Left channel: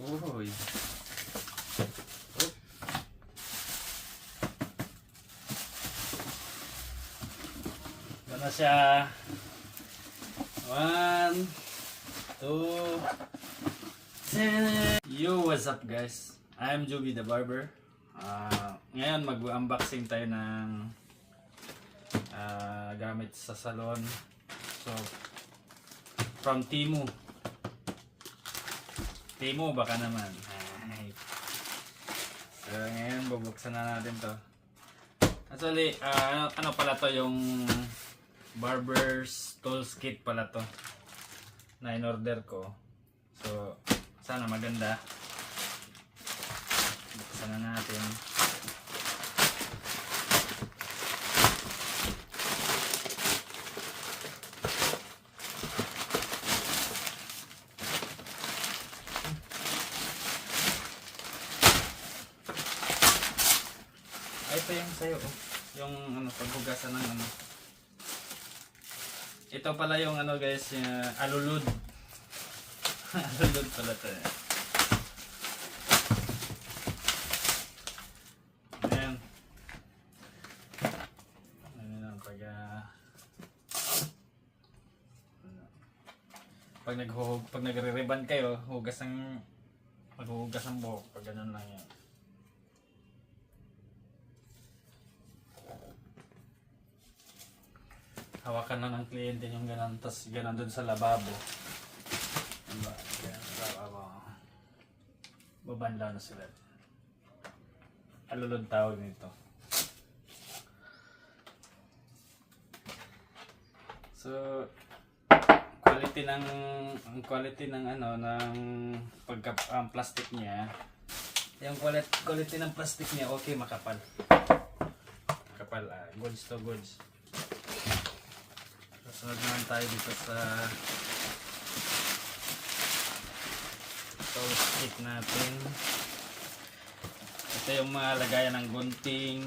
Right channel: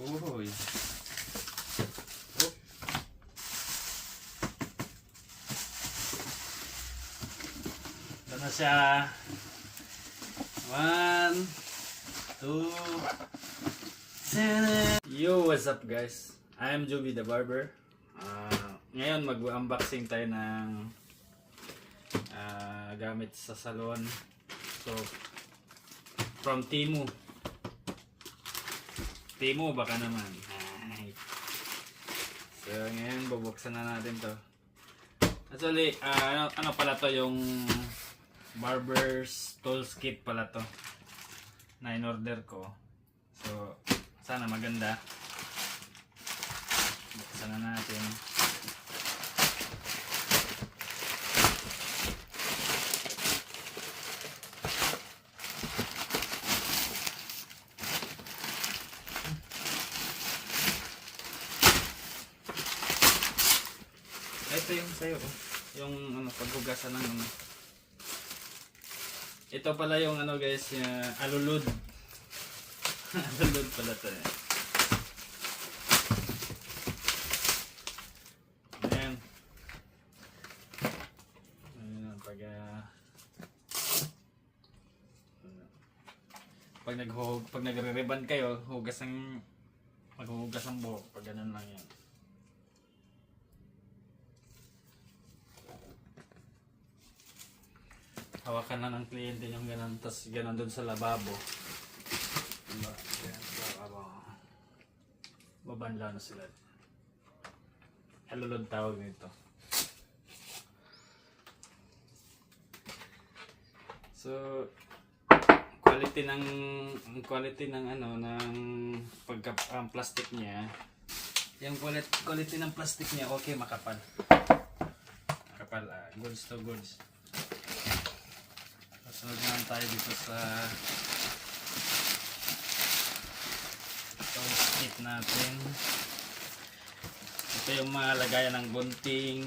Uy. Oh. Ito na siya. 1, 2, 3. Yo, what's up guys? I am Joby the Barber. Ngayon mag-unboxing tayo ng gamit sa salon. So, from Temu. Temu baka naman. So, ngayon bubuksan na natin to. Actually, ano pala to, yung barber's tools kit pala to na in-order ko. So, sana maganda. Buksan na natin. Ito yung sayo, yung paghugasan ng ano. Ito pala yung guys, alulud. Alulud pala to eh. Ayan. Ano lang, pag nagre-ribbon kayo, maghuhugas ang buhok, pag ganun lang yan. Hawakan na ng kliyente yung gano'n, tapos gano'n dun sa lababo. Diba? Yan, lababo. Babanlaw na sila. Alulod tawag nito. So, quality ng plastic niya. Yung quality ng plastic niya, okay, makapal. Makapal, goods to goods. Sunod naman tayo dito sa tools kit natin. Ito yung mga lagayan ng gunting,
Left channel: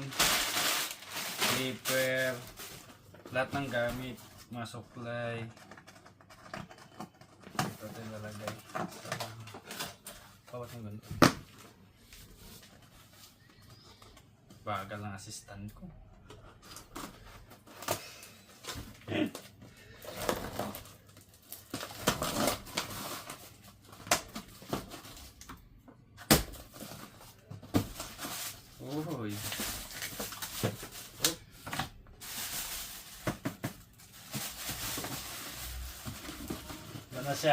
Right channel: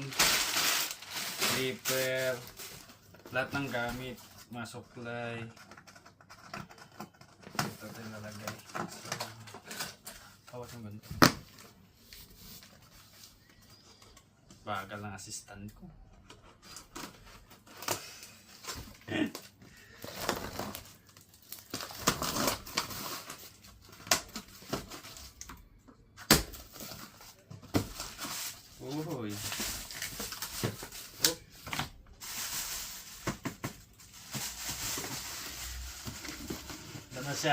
clipper, lahat ng gamit, mga supply. Ito yung lalagay. Kawat yung ganito. Bagal ng assistant ko.